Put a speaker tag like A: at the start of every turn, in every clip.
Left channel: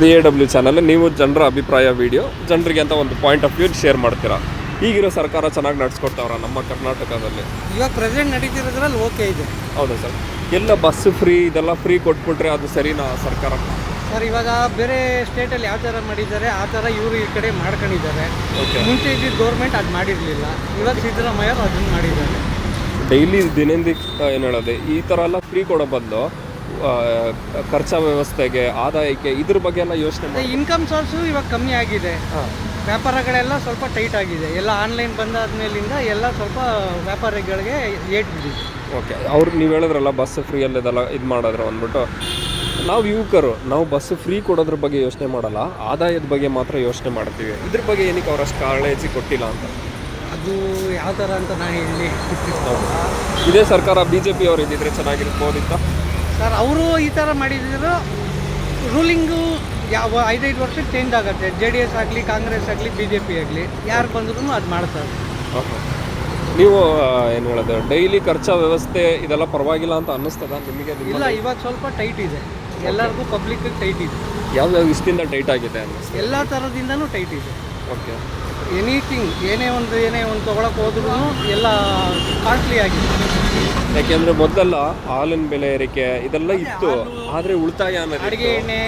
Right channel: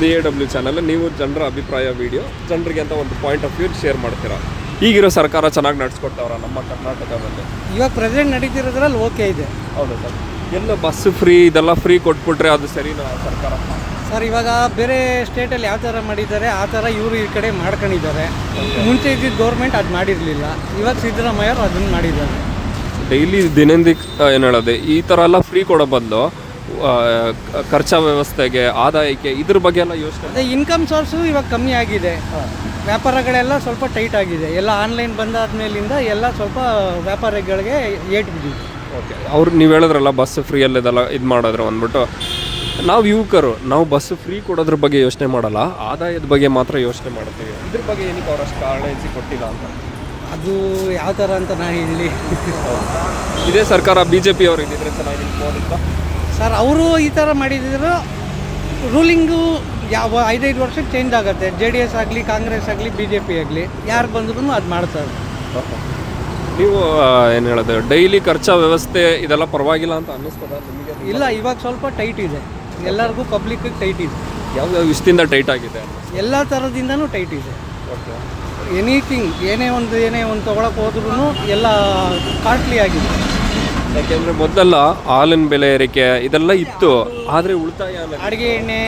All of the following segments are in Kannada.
A: ಬಿ ಎ ಡಬ್ಲ್ಯೂ ಚಾನಲ್ ನೀವು ಜನರ ಅಭಿಪ್ರಾಯ ವಿಡಿಯೋ ಜನರಿಗೆ ಅಂತ ಒಂದು ಪಾಯಿಂಟ್ ಆಫ್ ವ್ಯೂ ಶೇರ್ ಮಾಡ್ತೀರಾ? ಈಗಿರೋ ಸರ್ಕಾರ ಚೆನ್ನಾಗಿ ನಡೆಸ್ಕೊಡ್ತಾವ್ರ ನಮ್ಮ ಕರ್ನಾಟಕದಲ್ಲಿ.
B: ಇವಾಗ ಪ್ರೆಸೆಂಟ್ ನಡೀತಿರೋದ್ರಲ್ಲಿ ಓಕೆ ಇದೆ.
A: ಹೌದು ಸರ್. ಎಲ್ಲ ಬಸ್ ಫ್ರೀ ಇದೆಲ್ಲ ಫ್ರೀ ಕೊಟ್ಬಿಟ್ರೆ ಅದು ಸರಿನಾ ಸರ್ಕಾರ?
B: ಸರ್ ಇವಾಗ ಬೇರೆ ಸ್ಟೇಟಲ್ಲಿ ಯಾವ ಥರ ಮಾಡಿದ್ದಾರೆ ಆ ಥರ ಇವರು ಈ ಕಡೆ ಮಾಡ್ಕೊಂಡಿದ್ದಾರೆ. ಮುಂಚೆ ಇದ್ದಿದ್ದ ಗೌರ್ಮೆಂಟ್ ಅದು ಮಾಡಿರಲಿಲ್ಲ. ಇವಾಗ ಸಿದ್ದರಾಮಯ್ಯ ಅದನ್ನು ಮಾಡಿದ್ದಾರೆ.
A: ಡೈಲಿ ದಿನಂದಿಕ್ ಏನು ಹೇಳೋದು ಈ ಥರ ಎಲ್ಲ ಫ್ರೀ ಕೊಡೋ ಬದಲು ಖರ್ಚ ವ್ಯವಸ್ಥೆಗೆ ಆದಾಯಕ್ಕೆ ಇದ್ರ ಬಗ್ಗೆ ಎಲ್ಲ ಯೋಚನೆ
B: ಇನ್ಕಮ್ ಸೋರ್ಸು ಇವಾಗ ಕಮ್ಮಿ ಆಗಿದೆ. ವ್ಯಾಪಾರಗಳೆಲ್ಲ ಸ್ವಲ್ಪ ಟೈಟ್ ಆಗಿದೆ. ಎಲ್ಲ ಆನ್ಲೈನ್ ಬಂದಾದ್ಮೇಲಿಂದ ಎಲ್ಲ ಸ್ವಲ್ಪ ವ್ಯಾಪಾರಿಗಳಿಗೆ ಏಟ್ ಬಿದ್ದಿದೆ.
A: ಓಕೆ ಅವ್ರು ನೀವು ಹೇಳಿದ್ರಲ್ಲ ಬಸ್ ಫ್ರೀ ಇದೆಲ್ಲ ಇದು ಮಾಡಿದ್ರು ಅಂದ್ಬಿಟ್ಟು. ನಾವು ಯುವಕರು ನಾವು ಬಸ್ ಫ್ರೀ ಕೊಡೋದ್ರ ಬಗ್ಗೆ ಯೋಚನೆ ಮಾಡಲ್ಲ. ಆದಾಯದ ಬಗ್ಗೆ ಮಾತ್ರ ಯೋಚನೆ ಮಾಡ್ತೀವಿ. ಇದ್ರ ಬಗ್ಗೆ ಏನಕ್ಕೆ ಅವ್ರು ಅಷ್ಟು ಕಾಳಜಿ ಕೊಟ್ಟಿಲ್ಲ ಅಂತ?
B: ಅದು ಯಾವ ಥರ ಅಂತ ನಾ ಹೇಳಿ.
A: ಇದೇ ಸರ್ಕಾರ ಬಿ ಜೆ ಪಿ ಅವ್ರು ಇದ್ದಿದ್ರೆ ಚೆನ್ನಾಗಿರ್ಬೋದಿತ್ತು.
B: ಸರ್ ಅವರು ಈ ಥರ ಮಾಡಿದ್ರು ರೂಲಿಂಗು ಯಾವ ಐದೈದು ವರ್ಷ ಚೇಂಜ್ ಆಗುತ್ತೆ. ಜೆ ಡಿ ಎಸ್ ಆಗಲಿ ಕಾಂಗ್ರೆಸ್ ಆಗಲಿ ಬಿ ಜೆ ಪಿ ಆಗಲಿ ಯಾರು ಬಂದ್ರೂ ಅದು ಮಾಡ್ತಾರೆ
A: ನೀವು ಏನು ಹೇಳೋದು ಡೈಲಿ ಖರ್ಚ ವ್ಯವಸ್ಥೆ ಇದೆಲ್ಲ ಪರವಾಗಿಲ್ಲ ಅಂತ ಅನ್ನಿಸ್ತದ? ನಿಮಗೆ
B: ಇಲ್ಲ ಇವಾಗ? ಸ್ವಲ್ಪ ಟೈಟ್ ಇದೆ. ಎಲ್ಲರಿಗೂ ಪಬ್ಲಿಕ್ ಟೈಟ್ ಇದೆ.
A: ಯಾವ ವಿಷಯದಿಂದ ಟೈಟ್ ಆಗಿದೆ
B: ಎಲ್ಲ ಥರದಿಂದನೂ ಟೈಟ್ ಇದೆ.
A: ಓಕೆ.
B: ಎನಿಥಿಂಗ್ ಏನೇ ಒಂದು ಏನೇ ಒಂದು ತೊಗೊಳಕ್ಕೆ ಹೋದ್ರೂ ಎಲ್ಲ ಕಾಸ್ಟ್ಲಿ ಆಗಿದೆ.
A: ಯಾಕೆಂದ್ರೆ ಮೊದಲೆಲ್ಲ ಹಾಲಿನ ಬೆಲೆ ಏರಿಕೆ ಇದೆಲ್ಲ ಇತ್ತು. ಆದರೆ ಉಳಿತಾಯ
B: ಅಡುಗೆ ಎಣ್ಣೆ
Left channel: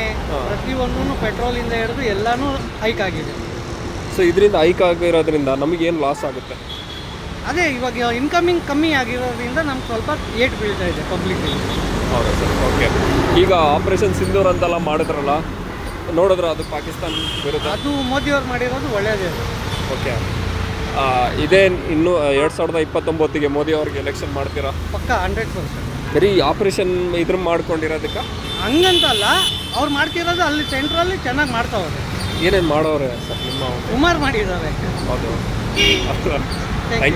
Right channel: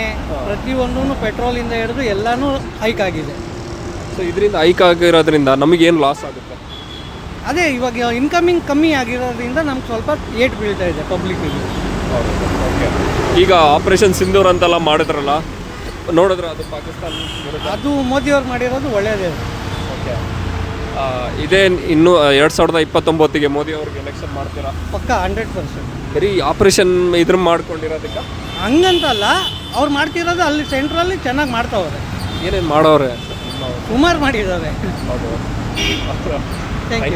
B: ಪ್ರತಿಯೊಂದೂ ಪೆಟ್ರೋಲಿಂದ ಹಿಡಿದು ಎಲ್ಲನೂ ಹೈಕ್ ಆಗಿದೆ.
A: ಸೊ ಇದರಿಂದ ಹೈಕ್ ಆಗಿರೋದ್ರಿಂದ ನಮಗೇನು ಲಾಸ್ ಆಗುತ್ತೆ?
B: ಅದೇ ಇವಾಗ ಇನ್ಕಮಿಂಗ್ ಕಮ್ಮಿ ಆಗಿರೋದ್ರಿಂದ ನಮ್ಗೆ ಸ್ವಲ್ಪ ಏಟ್ ಬೀಳ್ತಾ ಇದೆ ಪಬ್ಲಿಕ್
A: ಓಕೆ ಈಗ ಆಪರೇಷನ್ ಸಿಂಧೂರ್ ಅಂತೆಲ್ಲ ಮಾಡಿದ್ರಲ್ಲ ನೋಡಿದ್ರೆ ಅದು ಪಾಕಿಸ್ತಾನ
B: ಅದು ಮೋದಿಯವ್ರು ಮಾಡಿರೋದು ಒಳ್ಳೆಯದೇ
A: ಓಕೆ ಇದೇ ಇನ್ನು ಎರಡು ಸಾವಿರದ ಇಪ್ಪತ್ತೊಂಬತ್ತಿಗೆ ಮೋದಿ ಅವ್ರಿಗೆ ಎಲೆಕ್ಷನ್ ಮಾಡ್ತೀರಾ?
B: ಪಕ್ಕ ಹಂಡ್ರೆಡ್ ಪರ್ಸೆಂಟ್
A: ಬರೀ ಆಪರೇಷನ್ ಇದ್ರ ಮಾಡ್ಕೊಂಡಿರೋದಕ್ಕೆ?
B: ಹಂಗಂತಲ್ಲ ಅವ್ರು ಮಾಡ್ತಿರೋದು ಅಲ್ಲಿ ಸೆಂಟ್ರಲ್ಲಿ ಚೆನ್ನಾಗಿ ಮಾಡ್ತಾವ್ರೆ.
A: ಏನೇನು ಮಾಡೋರೆ
B: ಕುಮಾರ್ ಮಾಡಿದ್ದಾರೆ.
A: ಹೌದು.
B: Thank you